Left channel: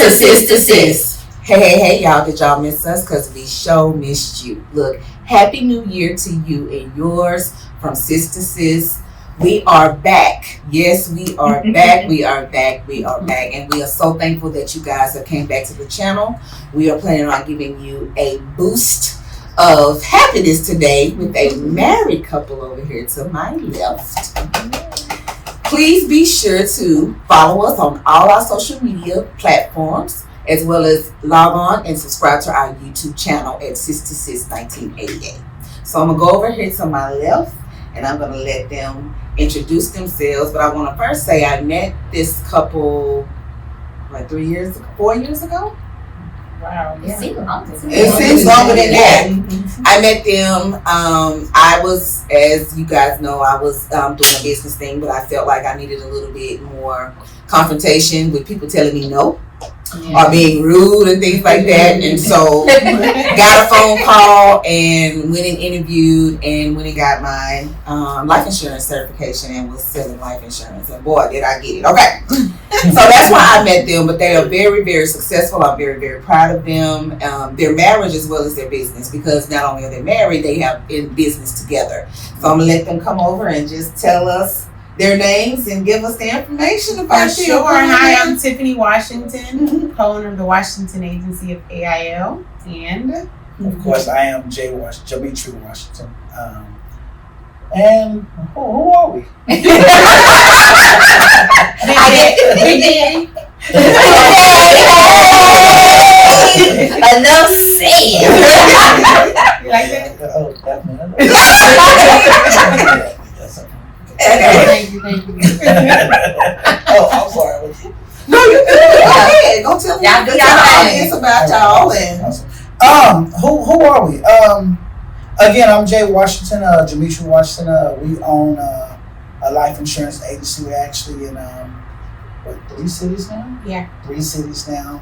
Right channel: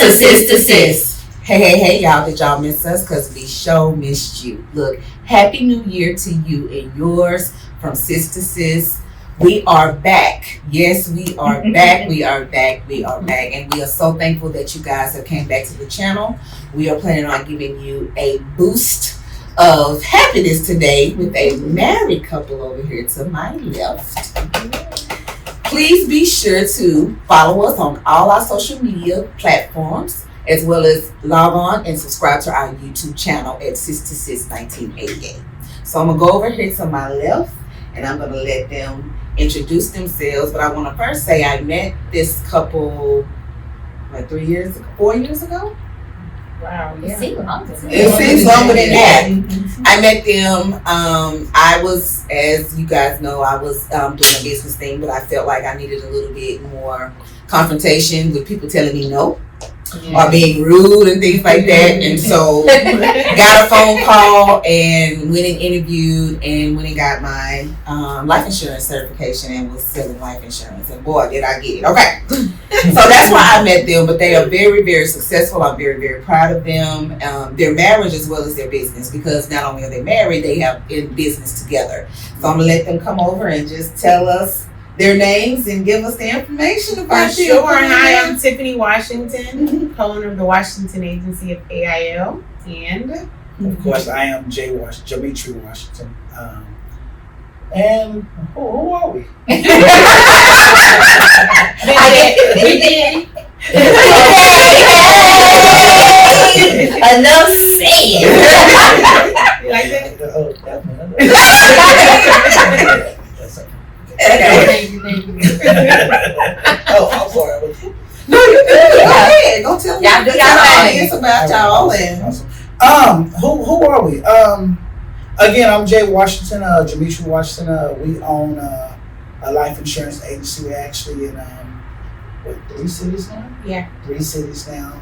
to Sister Sis. Hey, y'all. Did y'all miss us? Because we sure missed you. Look, Happy New Year to you and yours from Sister Sis. We are back. Yes, we are back. We are back. And we are so thankful that you guys have came back to the channel. We are planning on giving you a boost of happiness today with a married couple over here to my left. Please be sure to follow us on all our social media platforms, as well as log on and subscribe to our YouTube channel at Sister Sis 1988. So I'm going to go over here to my left, and I'm going to let them introduce themselves. But I want to first say I met this couple, 4 years ago? Wow. It seems longer than that. I met them. I was, as you guys know, I was doing a business thing, but I felt like I needed a little bit more confrontation with people telling me no. Or being rude and things like that. And so got a phone call and went and interviewed and went and got my life insurance certification and was selling life insurance. And boy, did I get it. Okay. So that's why I met them. But they are very, very successful. I'm very, very proud of them. Their marriage as well as their business, because not only are they married, they have in business together. So I'm going to let them come over and just tell us their names and give us the information about you. Sure. Hi, I'm Tiffany Washington, co-owner of the Washington agency of AIL, and of course I am Jamitri Washington. And who are we? Big Daddy. Enough said. You like that? Oh, definitely. Thank you. Oh, I'm sorry. No, you good. Go ahead. Go tell me. Y'all do y'all audience about y'all. And who are we? Again, I'm Jay Washington, Jamitri Washington. We own a life insurance agency. We're actually in 3 cities now? Yeah. 3 cities now.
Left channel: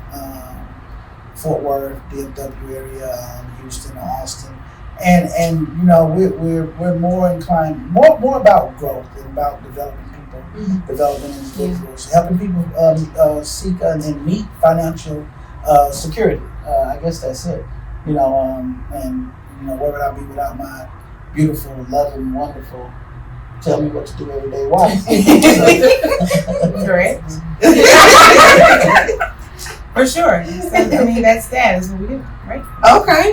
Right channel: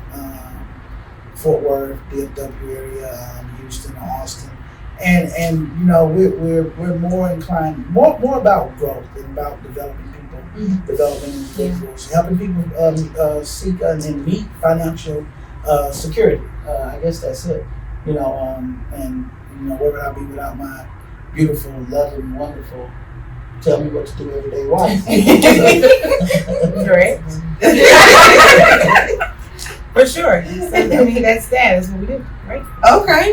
Fort Worth, DFW area, Houston, Austin. And you know, we're more inclined, more about growth and about developing people, developing individuals, helping people seek and meet financial security. I guess that's it. You know, and you know, where would I be without my beautiful, loving, wonderful, tell me what to do every day wife? Correct. For sure. So, I mean, that's what we do, right? Okay.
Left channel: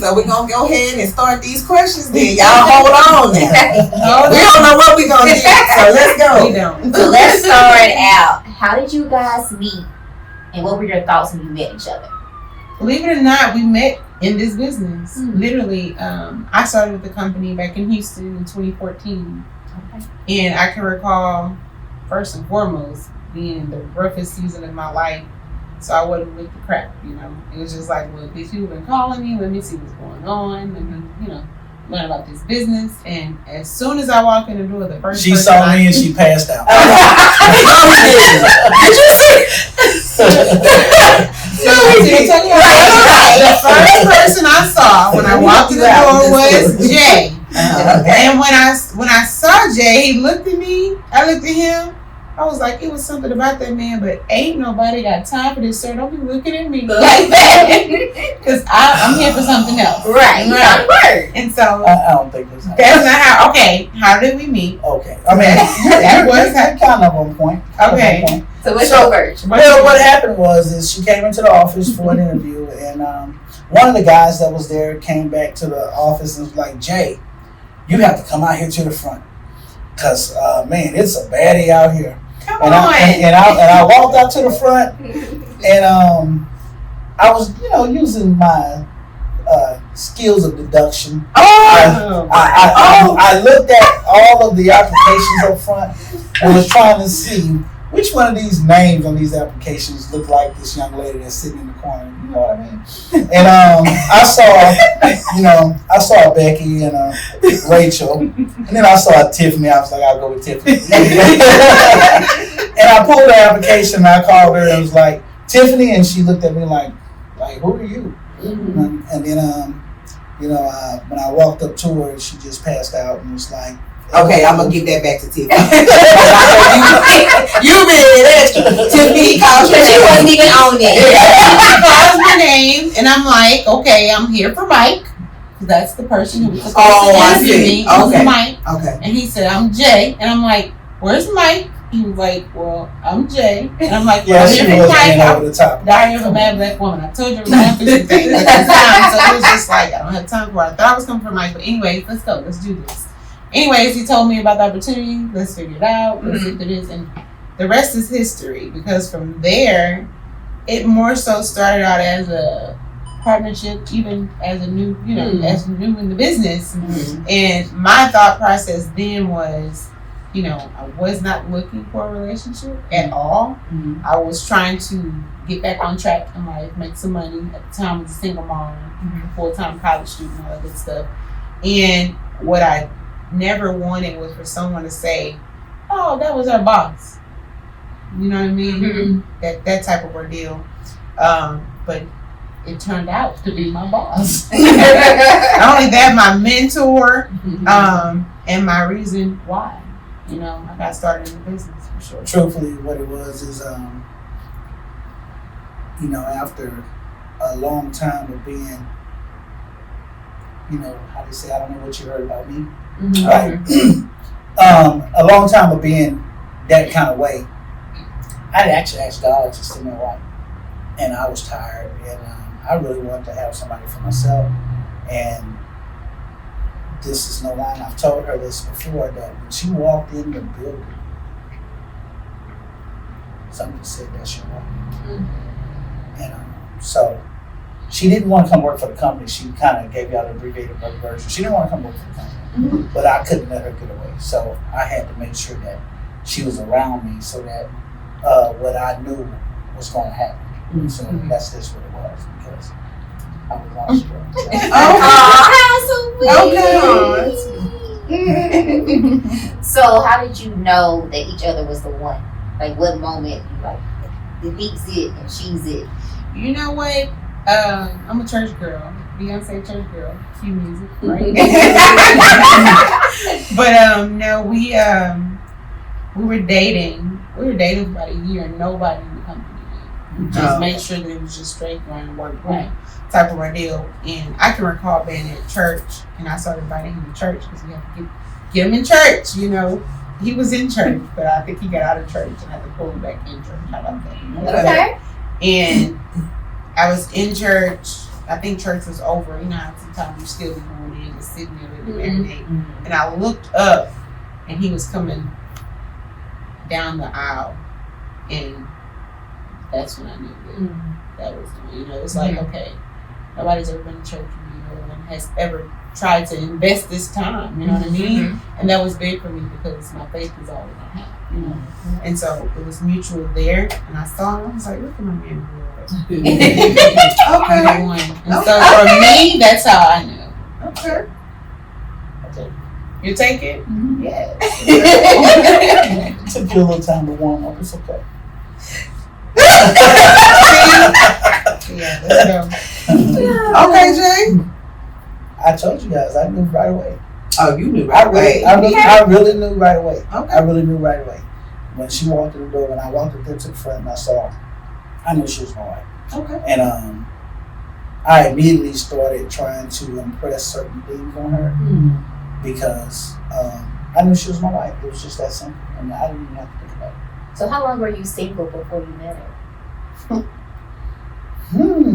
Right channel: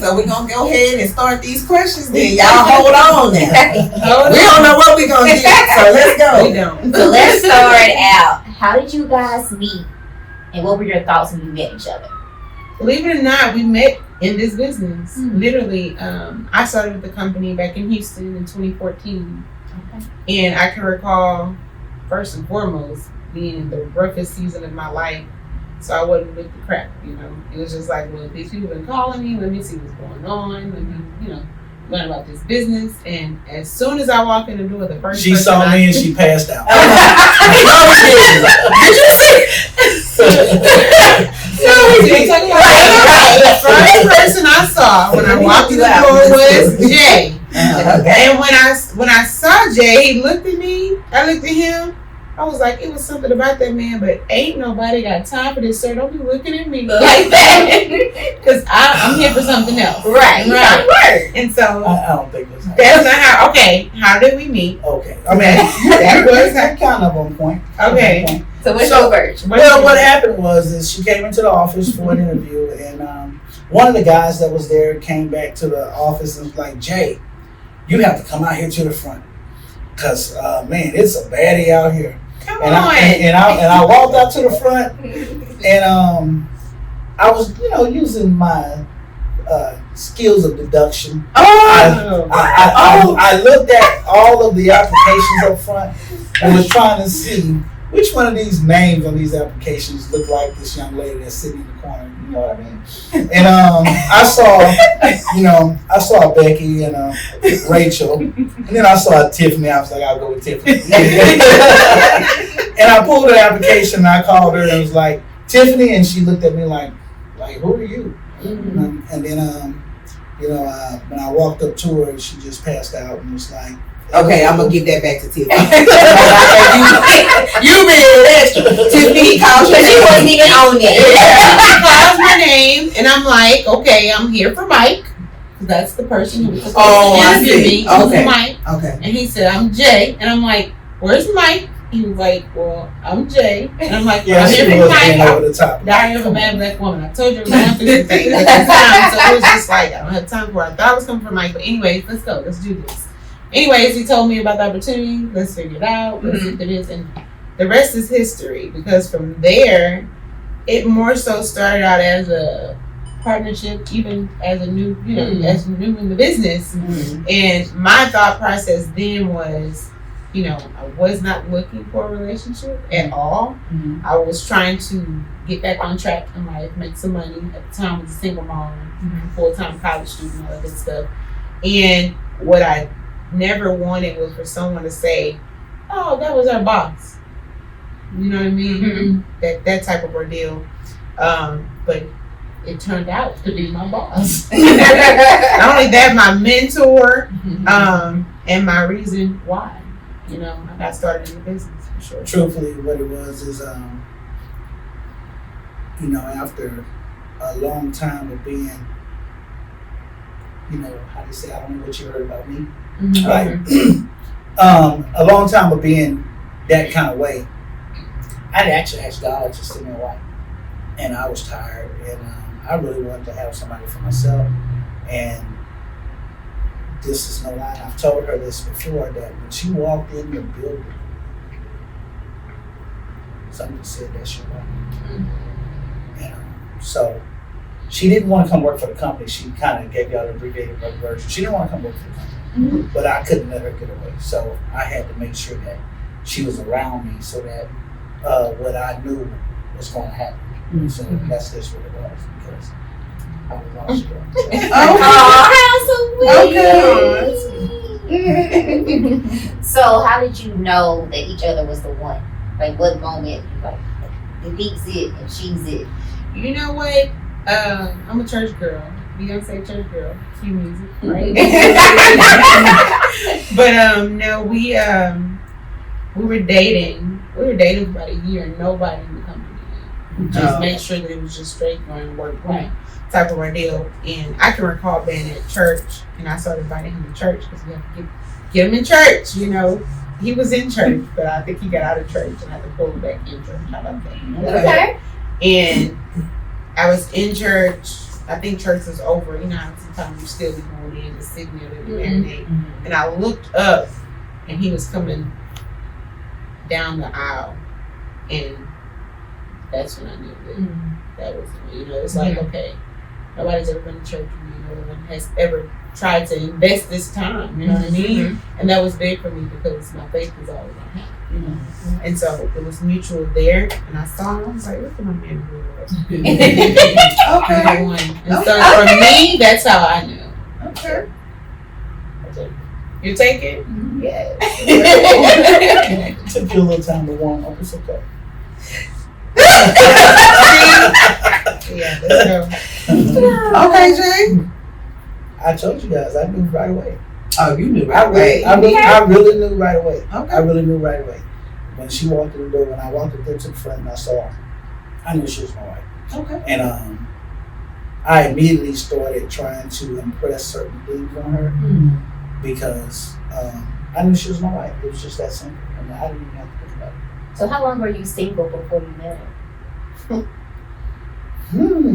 So we're going to go ahead and start these questions then. Y'all hold on now. We don't know what we're going to get, so let's go. We don't. So let's start out. How did you guys meet? And what were your thoughts when you met each other? Believe it or not, we met in this business. Literally, I started with the company back in Houston in 2014. Okay. And I can recall, first and foremost, being in the roughest season of my life. So I wasn't with the crap, you know. It was just like, well, these people been calling me. Let me see what's going on. Let me, you know, learn about this business. And as soon as I walk in the door, the first she saw me and she passed out. Did you see? The first person I saw when I walked in the door was Jay. And when I saw Jay, he looked at me. I looked at him. I was like, it was something about that man, but ain't nobody got time for this, sir. Don't be looking at me like that, because I'm here for something else. Right. And so I don't think that's not how. Okay, how did we meet? Okay, I mean that was kind of on point. Okay. So what's your version? Well, what happened was she came into the office for an interview, and one of the guys that was there came back to the office and was like, Jay, you have to come out here to the front, because man, it's a baddie out here. Come and on. I walked out to the front, and I was, you know, using my skills of deduction. I looked at all of the applications up front and was trying to see which one of these names on these applications look like this young lady that's sitting in the corner. You know what I mean? And I saw Becky and Rachel, and then I saw Tiffany. I was like, I'll go with Tiffany. And I pulled the application and I called her and was like, Tiffany, and she looked at me like who are you? And then when I walked up to her, she just passed out and was like, Okay, I'm gonna give that back to Tiffany. you been extra. Tiffany called you. She wasn't even on it. He calls my name, and I'm like, okay, I'm here for Mike. That's the person who was supposed to I interview see. me. It was Okay. Mike. Okay. And he said, I'm Jay. And I'm like, where's Mike? He was like, well, I'm Jay. And I'm like, Yeah, I'm she here for was Mike. in over the top. Down here for Mad Black Woman. I told you I was going for some things at the time. So it was just like, I don't have time for it. I thought I was coming for Mike. But anyways, let's go. Let's do this. Anyways, he told me about the opportunity. Let's figure it out. Let's get to this. And the rest is history. Because from there, it more so started out as a partnership, even as a new, as new in the business. And my thought process then was, I was not looking for a relationship at all. I was trying to get back on track in life, make some money. At the time, I was a single mom, full-time college student, all that good stuff. And what I never wanted was for someone to say, "Oh, that was our boss." You know what I mean? That type of ordeal. But it turned out to be my boss. Not only that, my mentor, and my reason why. I got started in the business for sure. Truthfully, what it was is, after a long time of being, how do you say, I don't know what you heard about me. Right. A long time of being that kind of way, I actually asked God to send me a wife. And I was tired, and I really wanted to have somebody for myself. And this is no lie. I've told her this before, that when she walked in the building, somebody said, "That's your wife." And so she didn't want to come work for the company. She kind of gave y'all the abbreviated version. She didn't want to come work for the company, but I couldn't let her get away. So I had to make sure that she was around me, so that what I knew was going to happen. So that's just what it was, because I was lost. So how did you know that each other was the one? Like, what moment you like, he's it and she's it? You know what? I'm a church girl. Beyonce church girl. Cue music, right? But no, we were dating. We were dating for about a year, and nobody in the company knew. Just made sure that it was just straight going work, right? Type of ordeal. And I can recall being at church, and I started inviting him to church because we have to get him in church. He was in church, but I think he got out of church and I had to pull him back in church. How about that? Okay. And I was in church. I think church was over. How sometimes you still be going in to signal and marinate. And I looked up, and he was coming down the aisle, and that's when I knew that was him. It's like, okay, nobody's ever been to church with me. No one has ever tried to invest this time. You know what I mean? And that was big for me because my faith is all I have. And so it was mutual there, and I saw him. I was like, look at my man. Okay. And so for me, that's how I knew. Okay. You take it? Yes. It took you a little time to warm up. It's okay. Yeah, let's go. Okay, Jay. I told you guys, I knew right away. Oh, you knew right away. I really knew right away. Okay. I really knew right away. When she walked in the door, when I walked up there to the front and I saw her, I knew she was my wife. Okay. And I immediately started trying to impress certain things on her because I knew she was my wife. It was just that simple. I didn't even have to think about it. So how long were you single before you met her?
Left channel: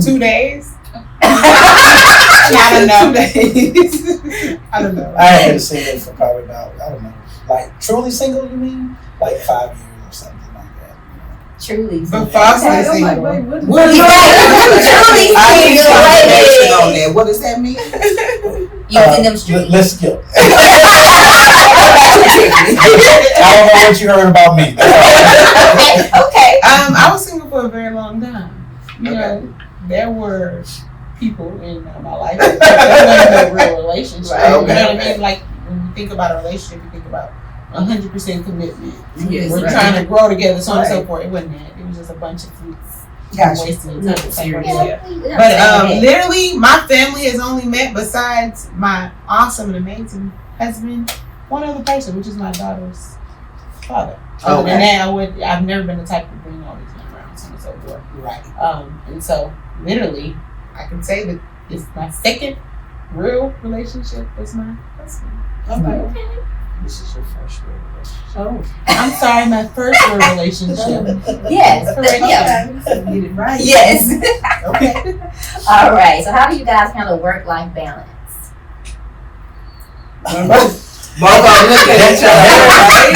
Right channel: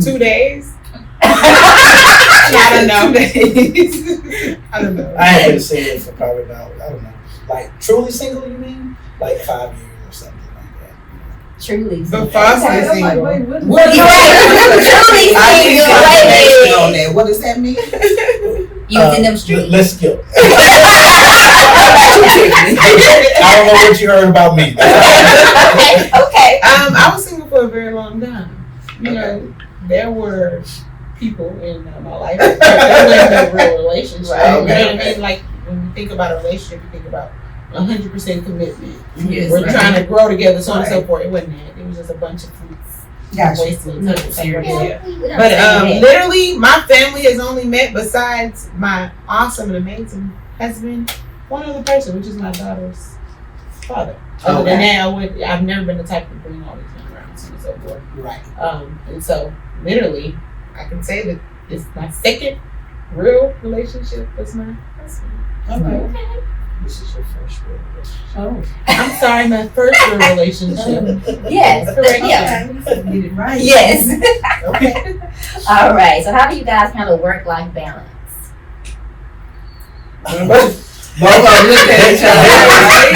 2 days? Not enough days. I don't know. I had been single for probably about, I don't know, like truly single, you mean? Like 5 years or something like that. Truly But single. falsely single. What is You're right. Truly I need single. clarification on that. What does that mean? You was in them streets. Let's go. I don't know what you heard about me. Okay. I was single for a very long time. There were people in my life that wasn't a real relationship. Right, You know what I okay. mean? Like when you think about a relationship, you think about 100% commitment. Yes, We're right. trying to grow together, so on and so Right. forth. It wasn't that. It was just a bunch of fruits. Gotcha. Wasting time. Yeah. But literally, my family has only met, besides my awesome and amazing husband, one other person, which is my daughter's father. Other than that, I've never been the type to bring all these men around, so on and so forth. Right. And so literally, I can say that it's my second real relationship with my husband. Okay. This is your first real relationship. Oh. I'm sorry, my first real relationship. Yes. Correct. Yeah. Get it right. Yes. Okay. All right. So how do you guys handle work-life balance? Both of them look at each other.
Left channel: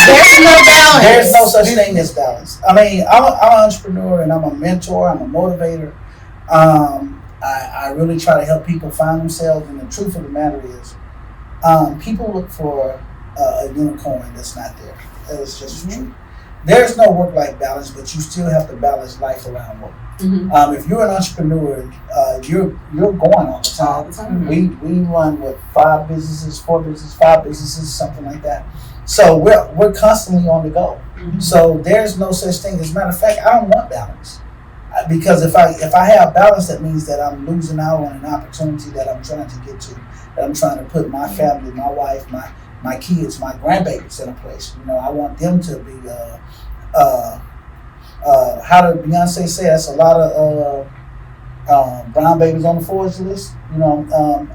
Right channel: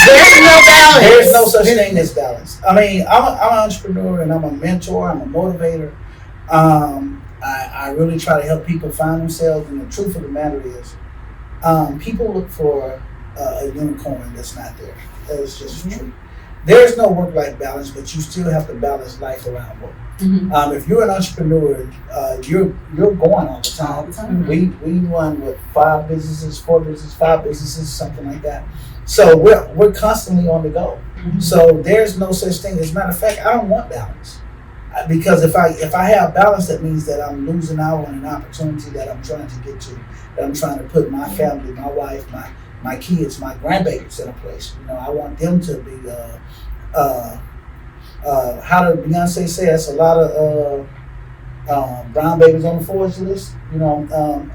There's no balance. There's no such thing as balance. I mean, I'm an entrepreneur and I'm a mentor. I'm a motivator. I really try to help people find themselves. And the truth of the matter is, people look for a unicorn that's not there. That is just true. There's no work-life balance, but you still have to balance life around work. Mm-hmm. If you're an entrepreneur, you're going all the time. All the time. We run with 4 businesses, 5 businesses, something like that. So we're constantly on the go. Mm-hmm. So there's no such thing. As a matter of fact, I don't want balance, because if I have balance, that means that I'm losing out on an opportunity that I'm trying to get to. That I'm trying to put my family, my wife, my kids, my grandbabies in a place. You know, I want them to be. How did Beyonce say? That's a lot of brown babies on the Forbes list. You know,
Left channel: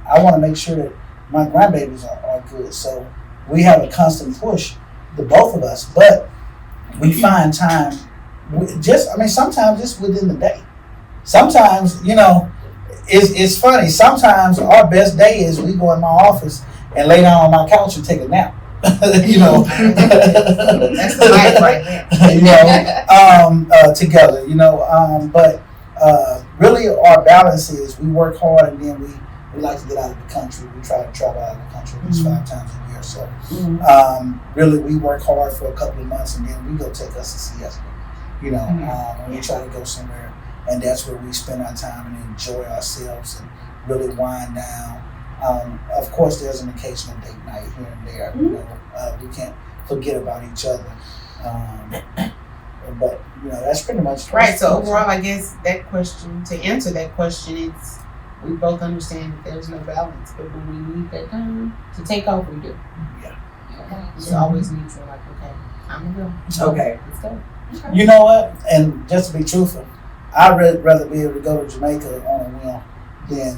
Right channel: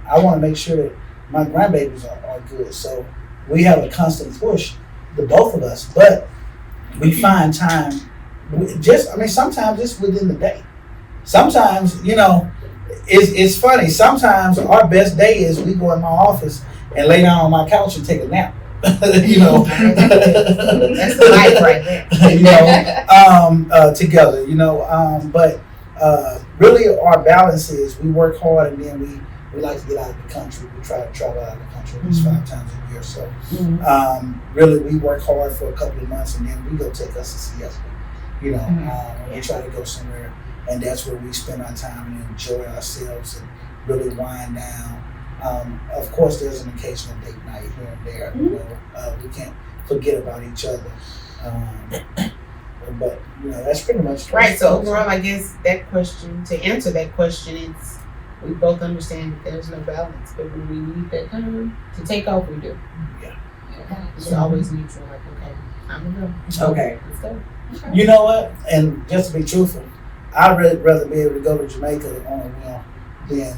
I want to make sure that my grandbabies are good. So we have a constant push, the both of us. But we find time. Sometimes it's within the day. Sometimes, you know, it's funny. Sometimes our best day is we go in my office and lay down on my couch and take a nap. You know, that's the life right there. You know, together. You know, but really our balance is we work hard and then we like to get out of the country. We try to travel out of the country at least 5 times a year. So really we work hard for a couple of months and then we go take us a siesta. You know, and we try to go somewhere, and that's where we spend our time and enjoy ourselves and really wind down. Of course, there's an occasional date night here and there. You know, we can't forget about each other. But you know, that's pretty much right. So overall, I guess that question, to answer that question, it's we both understand that there's no balance, but when we need that time to take off, we do. Yeah. It's always neutral. Like, okay, I'm gonna go. Okay. Let's go. You know what? And just to be truthful, I'd rather be able to go to Jamaica on a whim than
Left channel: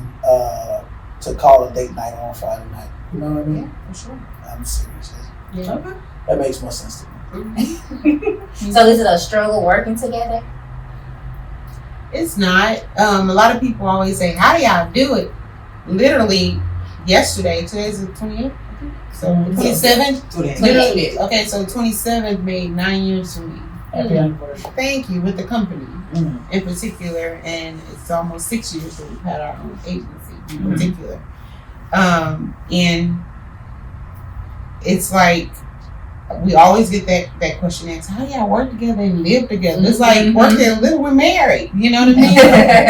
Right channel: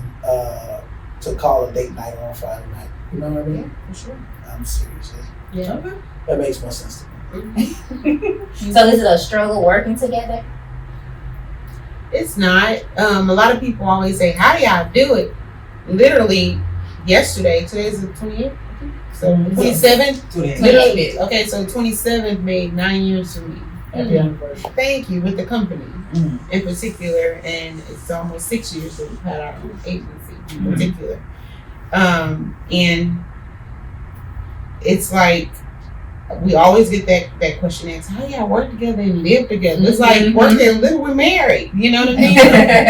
to call a date night on Friday night. You know what I mean? Yeah, for sure. I'm serious. Yeah. Okay. That makes more sense to me. So is it a struggle working together? It's not. A lot of people always say, "How do y'all do it?" Literally, yesterday. Today's the 28th. So 27th. Literally. Okay, so 27th made 9 years for me. Happy anniversary. Thank you, with the company in particular, and it's almost 6 years that we've had our own agency in particular. And it's like we always get that question asked, how do y'all work together and live together? It's like working and live, we're married, you know what I mean?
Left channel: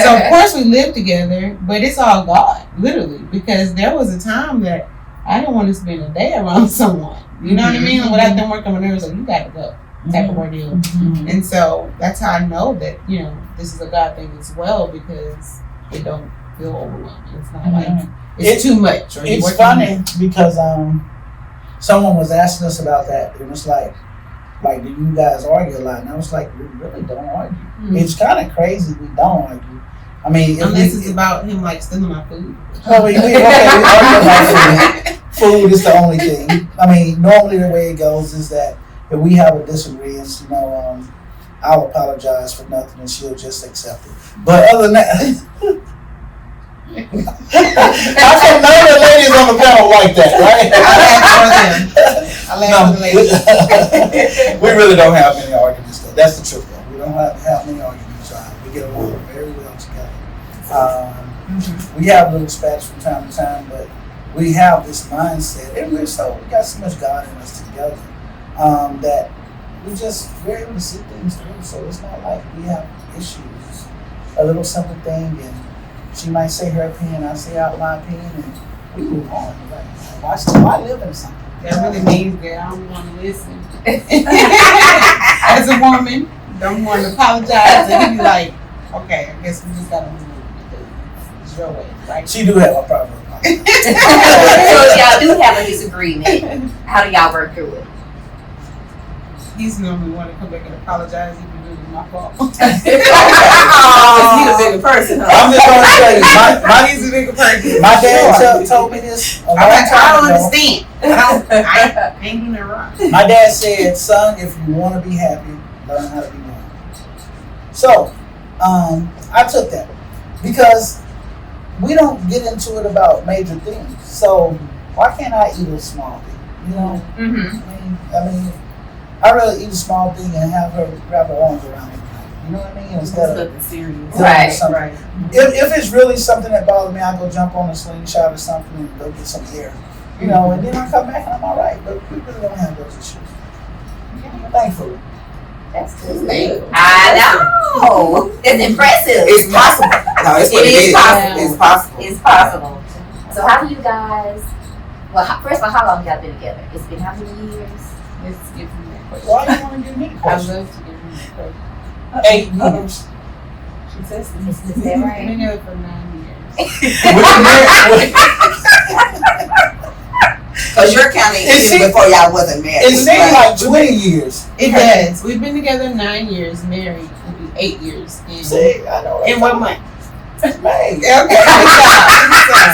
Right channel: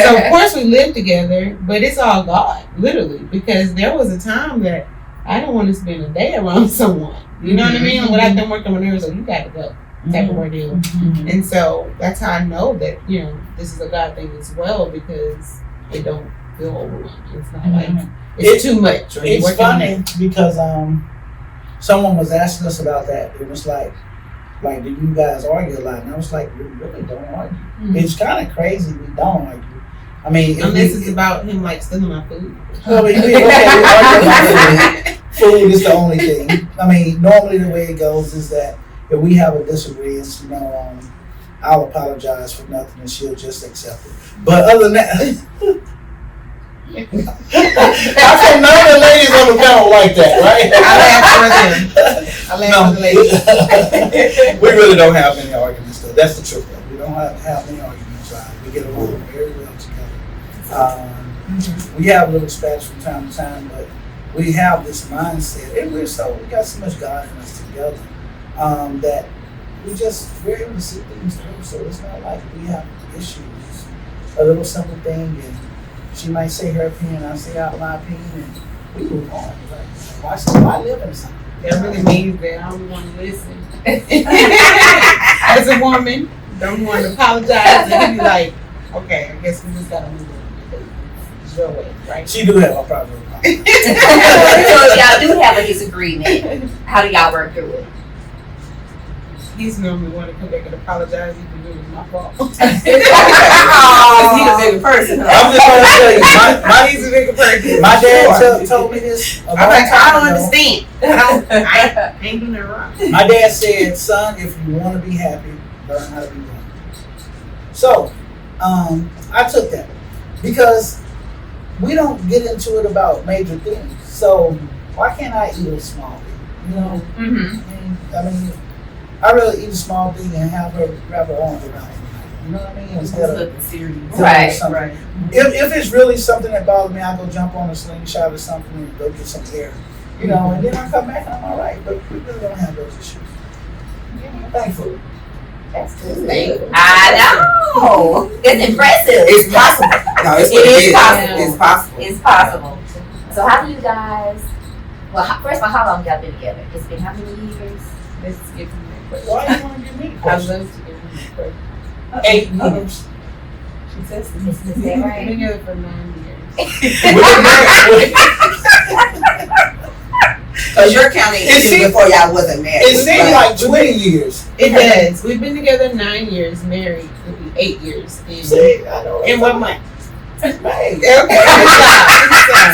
So of course we live together, but it's all God, literally, because there was a time that I didn't want to spend a day around someone, you know what I mean? Without them working on nerves, so you gotta go. Type of ordeal. And so that's how I know that, you know, this is a God thing as well, because it don't feel overwhelming. It's not like it's too much. Or It's funny because someone was asking us about that. It was like, do you guys argue a lot? And I was like, we really don't argue. It's kind of crazy we don't argue. I mean, unless it's about him like stealing my food. Well, we argue about food. Food is the only thing. I mean, normally the way it goes is that if we have a disagreement, you know, I'll apologize for nothing and she'll just accept it. But other than that, I said none of the ladies on the panel like that, right? I'll ask for the ladies. We really don't have many arguments, though. That's the truth, though. We don't have many arguments. We get along very well together. We have little spats from time to time, but we have this mindset, and we got so much God in us together. That we we're able to see things through, so it's not like we have issues. It's a little simple thing, and she might say her opinion, I say out my opinion, and we move on. Right? Why live in something? That really means that I don't want to listen. As a woman, don't want to apologize and be like, okay, I guess we just gotta move on because it's your way, right? She do have a problem with So if y'all do have a disagreement, how do y'all work through it? He's normally want to come back and apologize, even though it's my fault. Because he's a bigger person. I'm just gonna tell you, He's a bigger person. my dad told me this. I'm like, I don't understand. I ain't doing that wrong. My dad said, "Son, if you want to be happy, learn how to be one." So, I took that because we don't get into it about major things. So why can't I eat a small thing? You know, I mean, I'd rather eat a small thing and have her wrap her arms around it. You know what I mean? Instead of Right, something. right. If it's really something that bothers me, I'll go jump on a slingshot or something and go get some air. You know, and then I come back and I'm all right. But we really don't have those issues. Thankfully. That's good. I know. It's impressive. It's possible. No, it's what It it is is. possible. It's possible. It's possible. So how do you guys? Well, first of all, how long y'all been together? It's been how many years? Let's get to that question. Why do you want to give me I questions? love to get from that question. 8 years. Is that We've right? been together for 9 years. Because you're counting It even seems- before y'all wasn't married. It seems like 20 years. It does. We've been together 9 years, married will be 8 years See, I know. in 1 month. Hey. Okay, good job.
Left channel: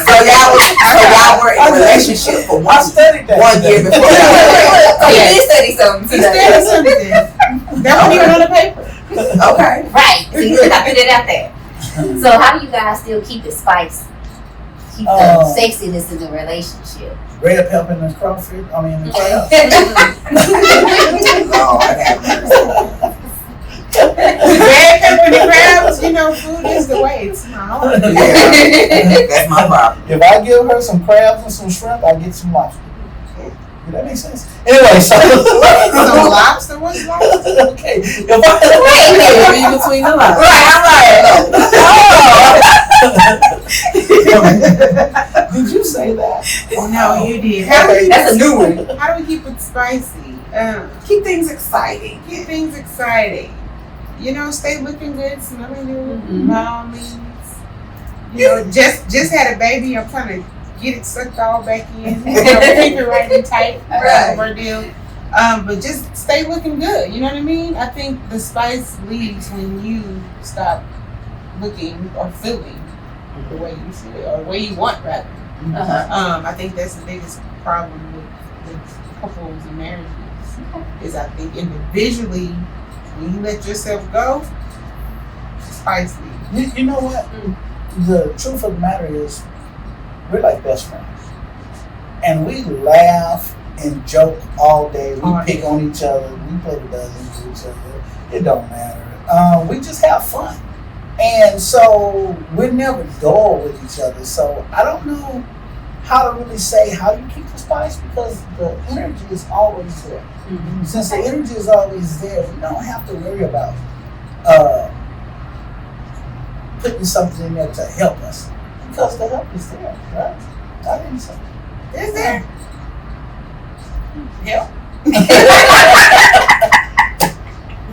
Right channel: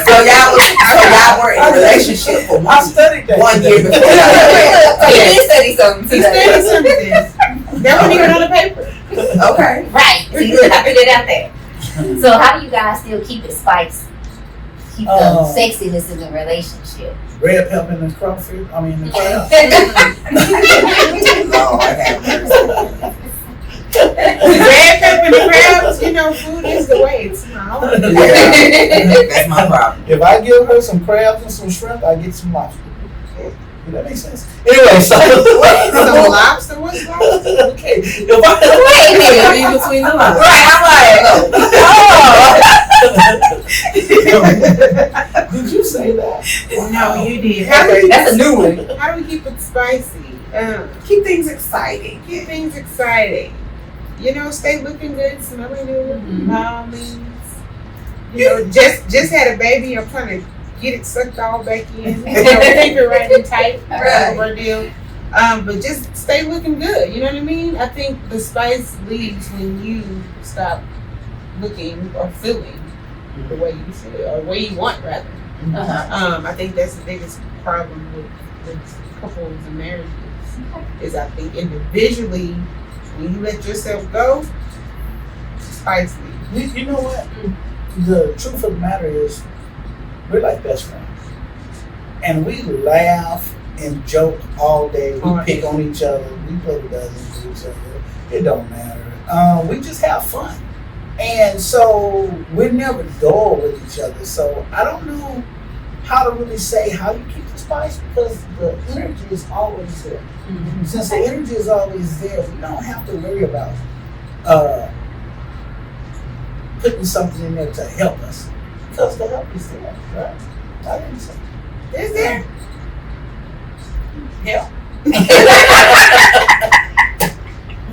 Good job. So y'all were in a relationship for I one studied that. 1 year before y'all married. So you did study something He today. studied something. That wasn't even on the paper. Okay. Right. See, look, I put it out there. So how do you guys still keep it spicy? Keep the sexiness in the relationship. Red pepper and the crawfish. I mean, the crab. Oh, I have mercy. Red pepper and crabs, you know, food is the way. It's my own. Yeah, that's my problem. If I give her some crabs and some shrimp, I get some lobster. Does that make sense? Anyway, so. Some lobster? What's lobster? Okay. If Wait a minute. Read between the lines. Right, I'm like, Did you say that? No, you did. that's a new one. How do we keep it spicy? Keep things exciting. Keep things exciting. You know, stay looking good, smelling good, mommies. You know, just had a baby. I'm trying to get it sucked all back in. You know, keep it right and tight. Right. Ordeal. But just stay looking good. You know what I mean? I think the spice leaves when you stop looking or feeling the way you feel or the way you want, rather. I think that's the biggest problem with couples and marriages. Is I think individually, when you let yourself go, spice leaves. You know what? The truth of the matter is, we're like best friends. And we laugh and joke all day. We pick on each other. We play the dozens with each other. It don't matter. We just have fun. And so we're never dull with each other. So I don't know how to really say how you keep the spice because the energy is always there. Since the energy is always there, we don't have to worry about putting something in there to help us. Because the help is there, right? I didn't say Is there? help.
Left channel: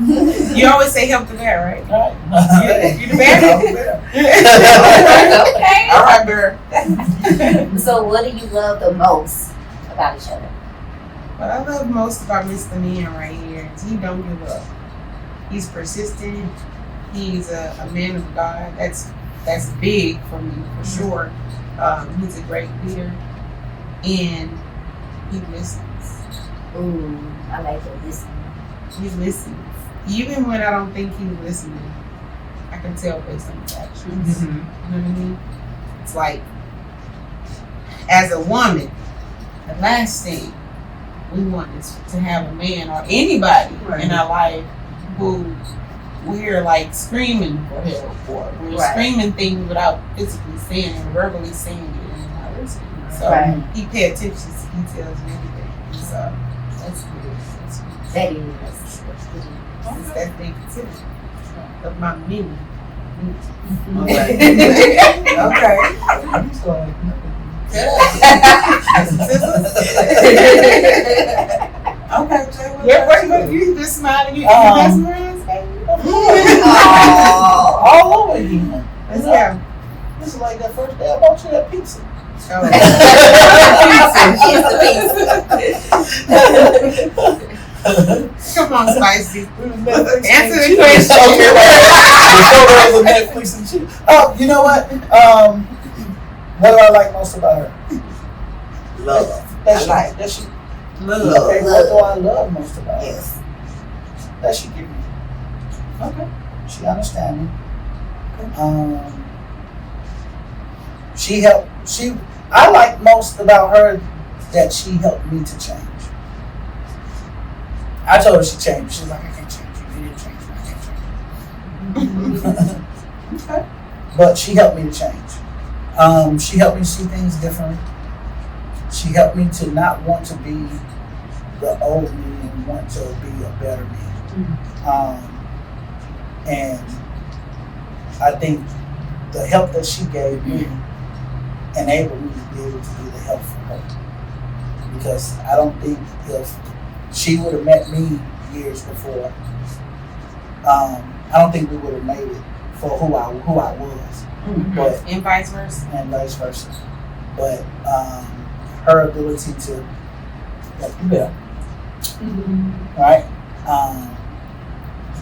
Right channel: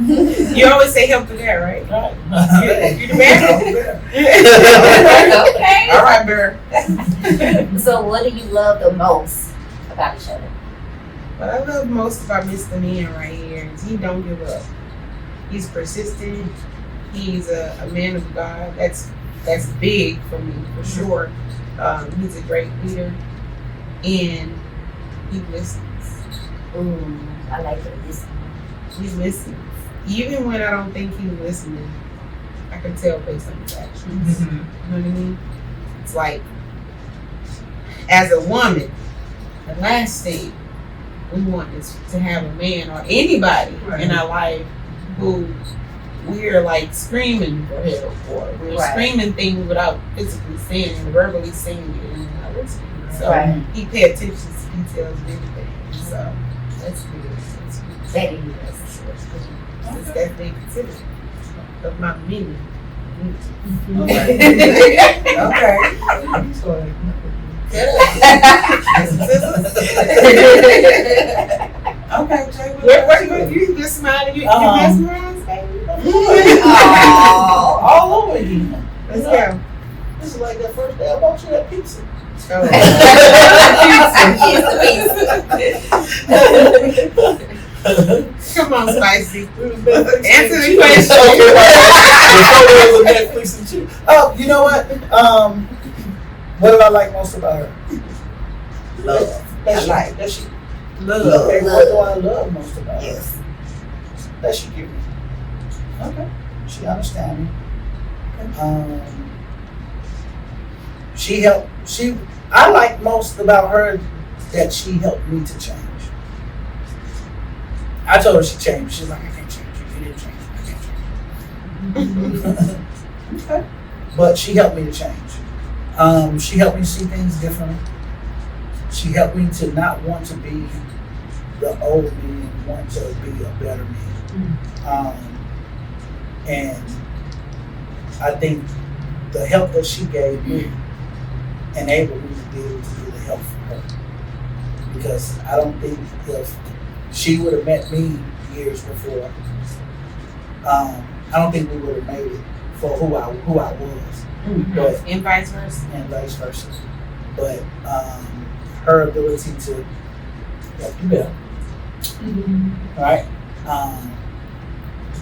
You always say help to that, right? Right. You the bear? Okay. All right, Bear. So what do you love the most about each other? What I love most about Mr. Man right here is he don't give up. He's persistent. He's a man of God. That's big for me, for sure. He's a great leader. And he listens. Ooh, I like to listen. He listens. Even when I don't think he's listening, I can tell based on his actions. You know what I mean? It's like, as a woman, the last thing we want is to have a man or anybody in our life who we're like screaming for help or we're screaming things without physically saying it, verbally saying it, and not listening. So he pay attention to details and everything. So that's good. That is. That's big considered of my meaning. Okay. Okay, Jay. What you just smiling? You best friends, baby? All over again. Let's go. This is like that first day I bought you that pizza. Oh. Come on, Spicy. Answer the question. Okay, the photos of Netflix and shit. Oh, you know what? What do I like most about her? Love. That I she, like. that she, Love. okay, what do I love most about her? Yes. That she give me. Okay. She understand me. I like most about her that she helped me to change. I told her she changed. She's like, I can't change you. You didn't change me. I can't change you. Okay. But she helped me to change. She helped me see things differently. She helped me to not want to be the old me and want to be a better me. And I think the help that she gave me enabled me to be able to be the help for her. Because I don't think if she would have met me years before, I don't think we would have made it for who I was. But And vice versa. and vice versa. But her ability to right,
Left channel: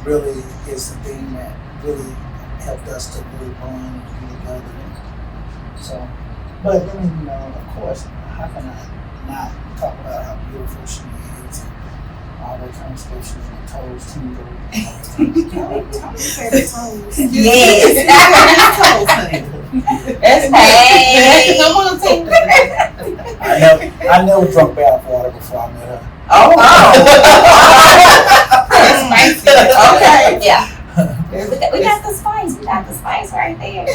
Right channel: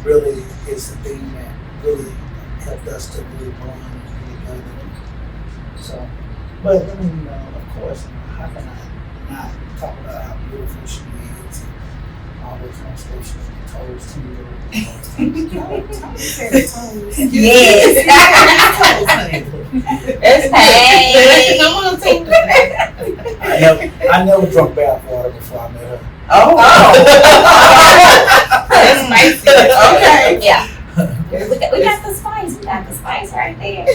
really is the thing that really helped us to really bond and be together. So, but then, of course, how can I not talk about how beautiful she is and all that kind of stuff? She's on toes, tingle, Yes. That's Hey. Come on, take I never drunk bath water before I met her. Oh. That's spicy. Okay. Yeah. We got the spice. We got the spice right there.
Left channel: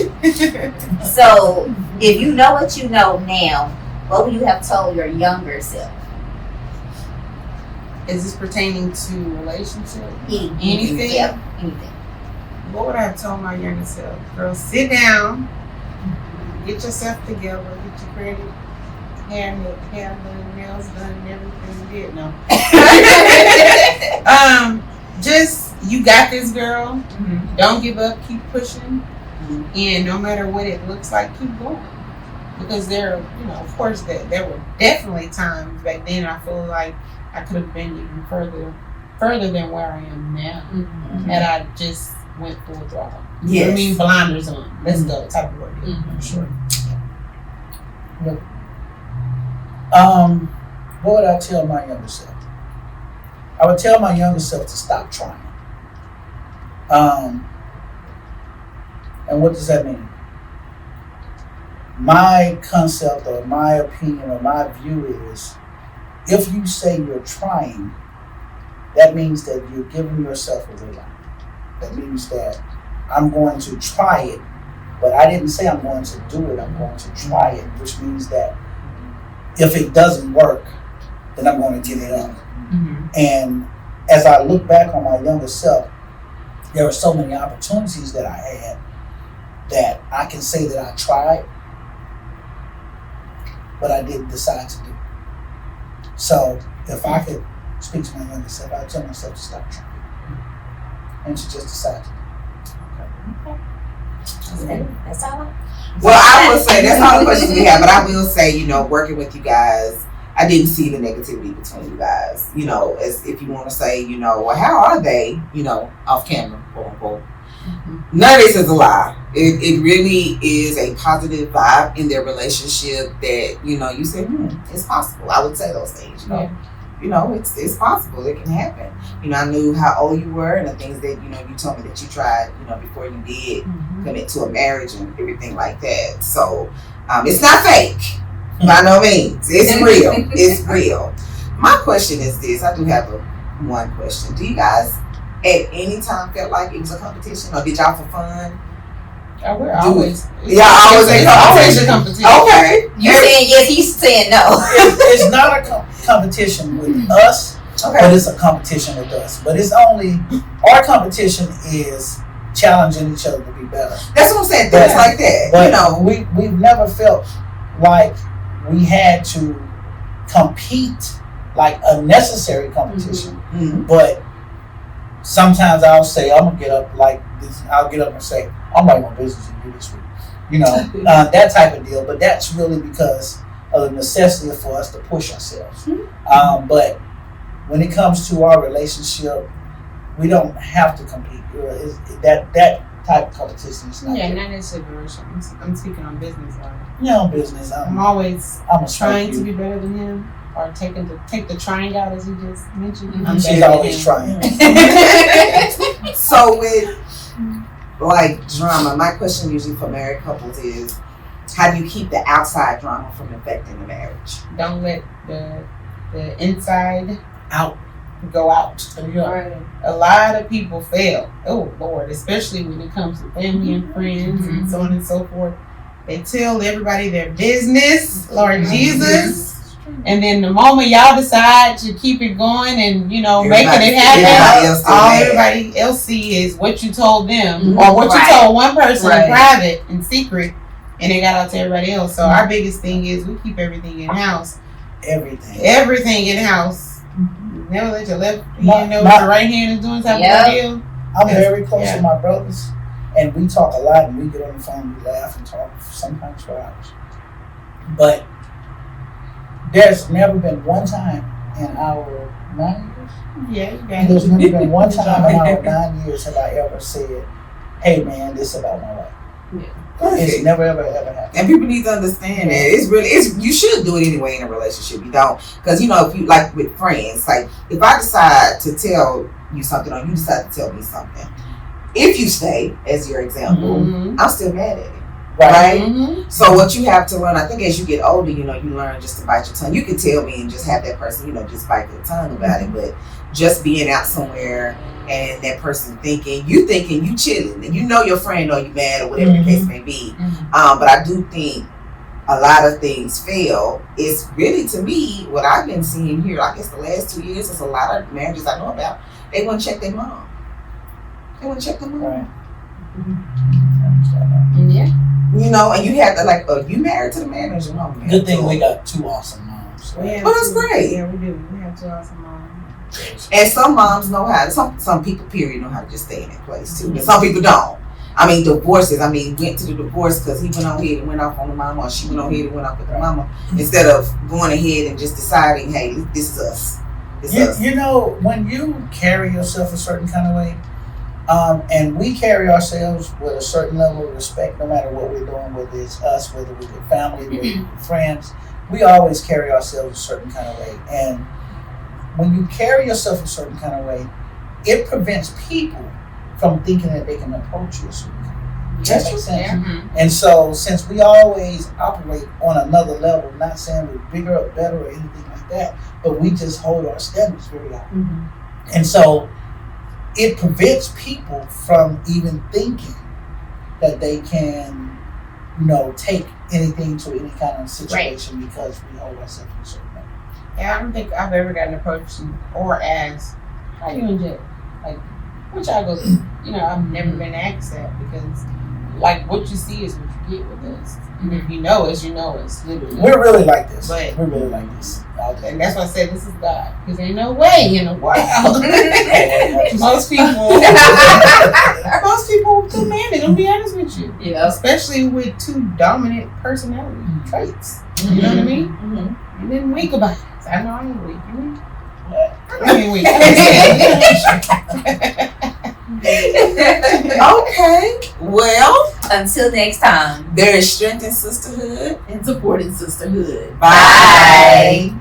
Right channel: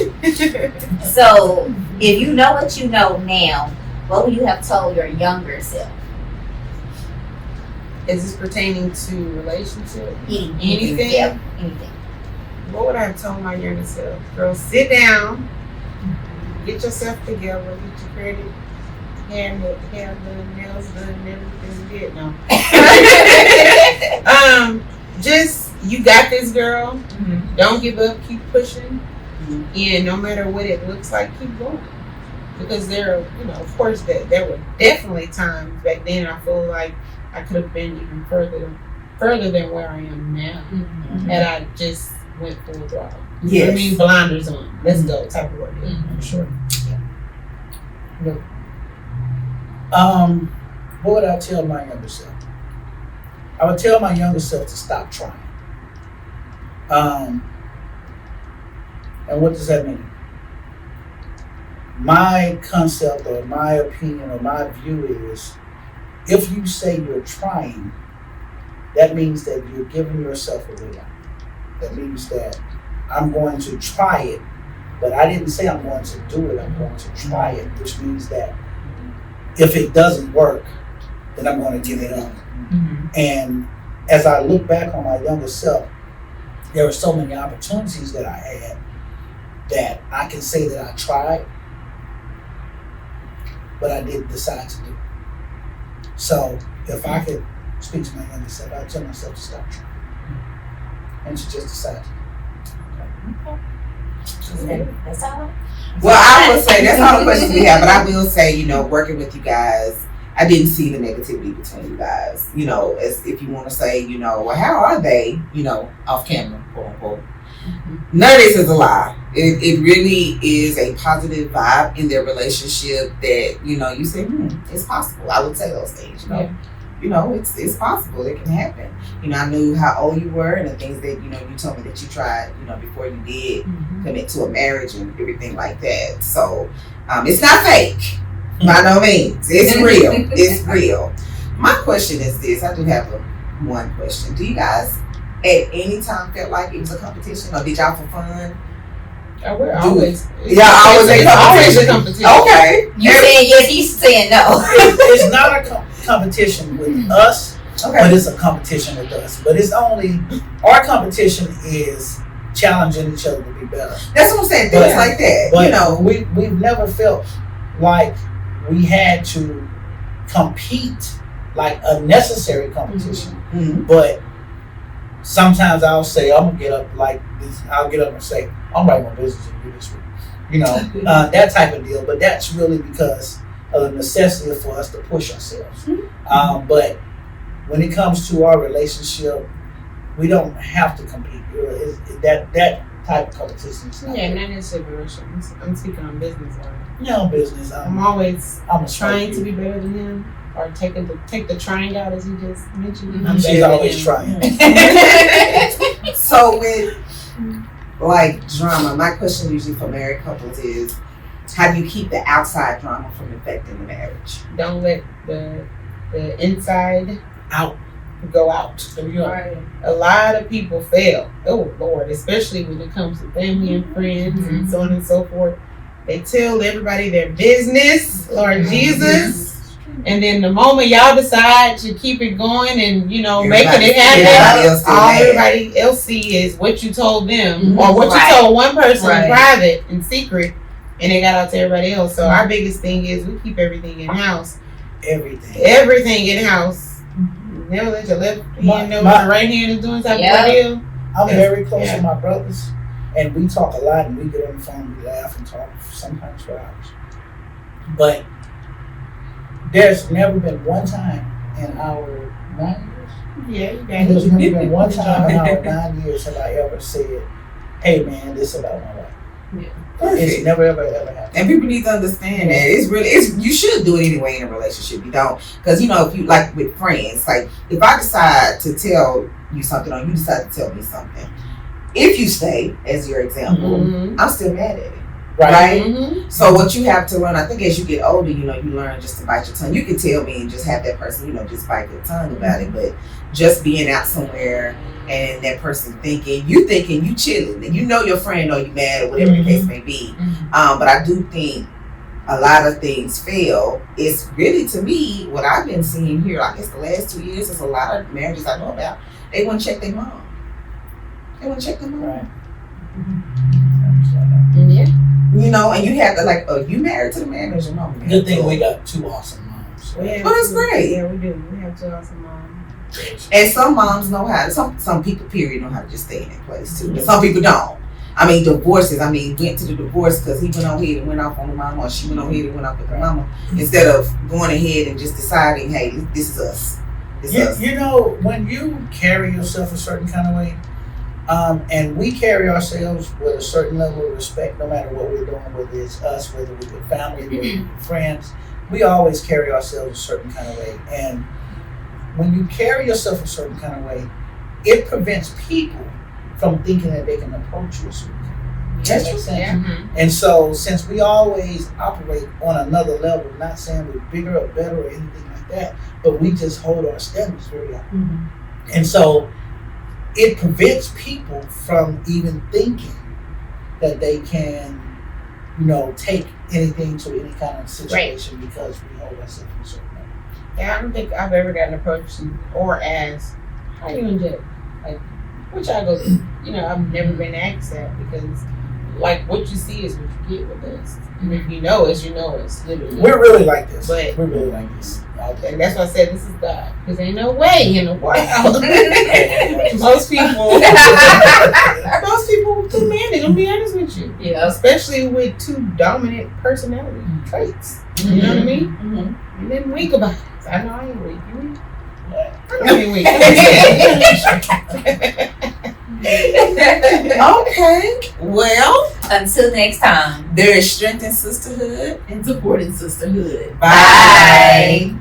So, if you know what you know now, what would you have told your younger self? Is this pertaining to relationship? Anything? Yeah, anything. What would I have told my younger self? Girl, sit down, get yourself together, get your credit, hair done, nails done, and everything you did. No. Just you got this, girl. Don't give up. Keep pushing, and no matter what it looks like, keep going. Because there, of course, there were definitely times back then I feel like I could have been even further than where I am now, had I just went full throttle. Yes. You know what I mean? Blinders on. Let's go. Type of work. I'm sure. What would I tell my younger self? I would tell my younger self to stop trying. And what does that mean? My concept or my opinion or my view is, if you say you're trying, that means that you're giving yourself a way out. That means that I'm going to try it, but I didn't say I'm going to do it, I'm going to try it, which means that if it doesn't work, then I'm going to give it up. And as I look back on my younger self, there were so many opportunities that I had that I can say that I tried, but I didn't decide to do. So if I could speak to my younger self, I'd tell myself to stop trying and to just decide to do. That's all. Well, I will say that's all the questions we have, but I will say, working with you guys, I didn't see the negativity between you guys. As if you want to say, well, how are they, off camera, quote unquote. None of this is a lie. It really is a positive vibe in their relationship that, you say, it's possible. I would say those things, it's possible. It can happen. I knew how old you were and the things that, you told me that you tried, before you did commit to a marriage and everything like that. So it's not fake. By no means. It's real. It's real. My question is this. I do have one question. Do you guys at any time felt like it was a competition, or did y'all for fun? We're always. Always a competition. Okay. You saying yes, he's saying no. It's not a competition with us, but it's a competition with us. But it's only, our competition is challenging each other to be better. That's what I'm saying. Things like that. But we've never felt like we had to compete, like a necessary competition. But sometimes I'll say, I'm gonna get up like this. I'll get up and say, I'm writing my business review this week. that type of deal. But that's really because of the necessity for us to push ourselves. But when it comes to our relationship, we don't have to compete. That type of competition is not not necessarily. I'm speaking on business. Business. I'm always I'm trying to be better than him, or take the trying out as you just mentioned. She's always trying. So with like drama, my question usually for married couples is, how do you keep the outside drama from affecting the marriage? Don't let the inside Out. go out. Right. A lot of people fail. Oh Lord, especially when it comes to family and friends and so on and so forth. They tell everybody their business, Lord Jesus, and then the moment y'all decide to keep it going and making it happen, all everybody else see is what you told them or what you told one person in private, in secret, and it got out to everybody else. So our biggest thing is we keep everything in house. Everything in house. Never let your left hand know what your right hand is doing type of deal. I'm very close with my brothers, and we talk a lot, and we get on the phone, we laugh and talk sometimes for hours. But there's never been one time in our 9 years. There's never been one time in our 9 years have I ever said, "Hey man, this is about my wife." It's never ever happened. And people need to understand that you should do it anyway in a relationship. You don't, because if you like with friends, like if I decide to tell you something or you decide to tell me something, if you stay as your example, I'm still mad at it. Right? So what you have to learn, I think as you get older, you learn just to bite your tongue. You can tell me and just have that person, just bite your tongue about it, but just being out somewhere and that person thinking you chilling and your friend or you mad or whatever the case may be. But I do think a lot of things fail. It's really, to me, what I've been seeing here, I guess the last 2 years, there's a lot of marriages I know about, they want to check their mom. Right. And you have to are you married to the man or is your mom? Good thing we got 2 awesome moms. Well, that's great. Yeah, we do. We have 2 awesome moms. And some moms know how to, some people, period, know how to just stay in that place too. And some people don't. Divorces, went to the divorce because he went on ahead and went off on the mama, or she went on ahead and went off with the mama, instead of going ahead and just deciding, hey, this is us. When you carry yourself a certain kind of way, and we carry ourselves with a certain level of respect, no matter what we're doing, whether it's us, whether we're with family, whether we're with friends, we always carry ourselves a certain kind of way. And when you carry yourself a certain kind of way, it prevents people from thinking that they can approach you a certain kind of way. That makes sense? Yeah. And so, since we always operate on another level, not saying we're bigger or better or anything like that, but we just hold our standards very high. And so, it prevents people from even thinking that they can, take anything to any kind of situation because we hold ourselves in a certain level. Yeah, I don't think I've ever gotten approached or asked, how you in jail? Like, what y'all go through? I've never been asked that because, what you see is what you get with this. And if you know us, literally. We're really like this. But we're really like this. And that's why I said this is God. Because ain't no way in the world. Most people can manage, I'm be honest with you. Yeah. Especially with 2 dominant personality traits. You know what I mean? And then weak about it. I know I ain't weak. I ain't weak. Okay. Well, until next time, there is strength in sisterhood and support in sisterhood. Bye.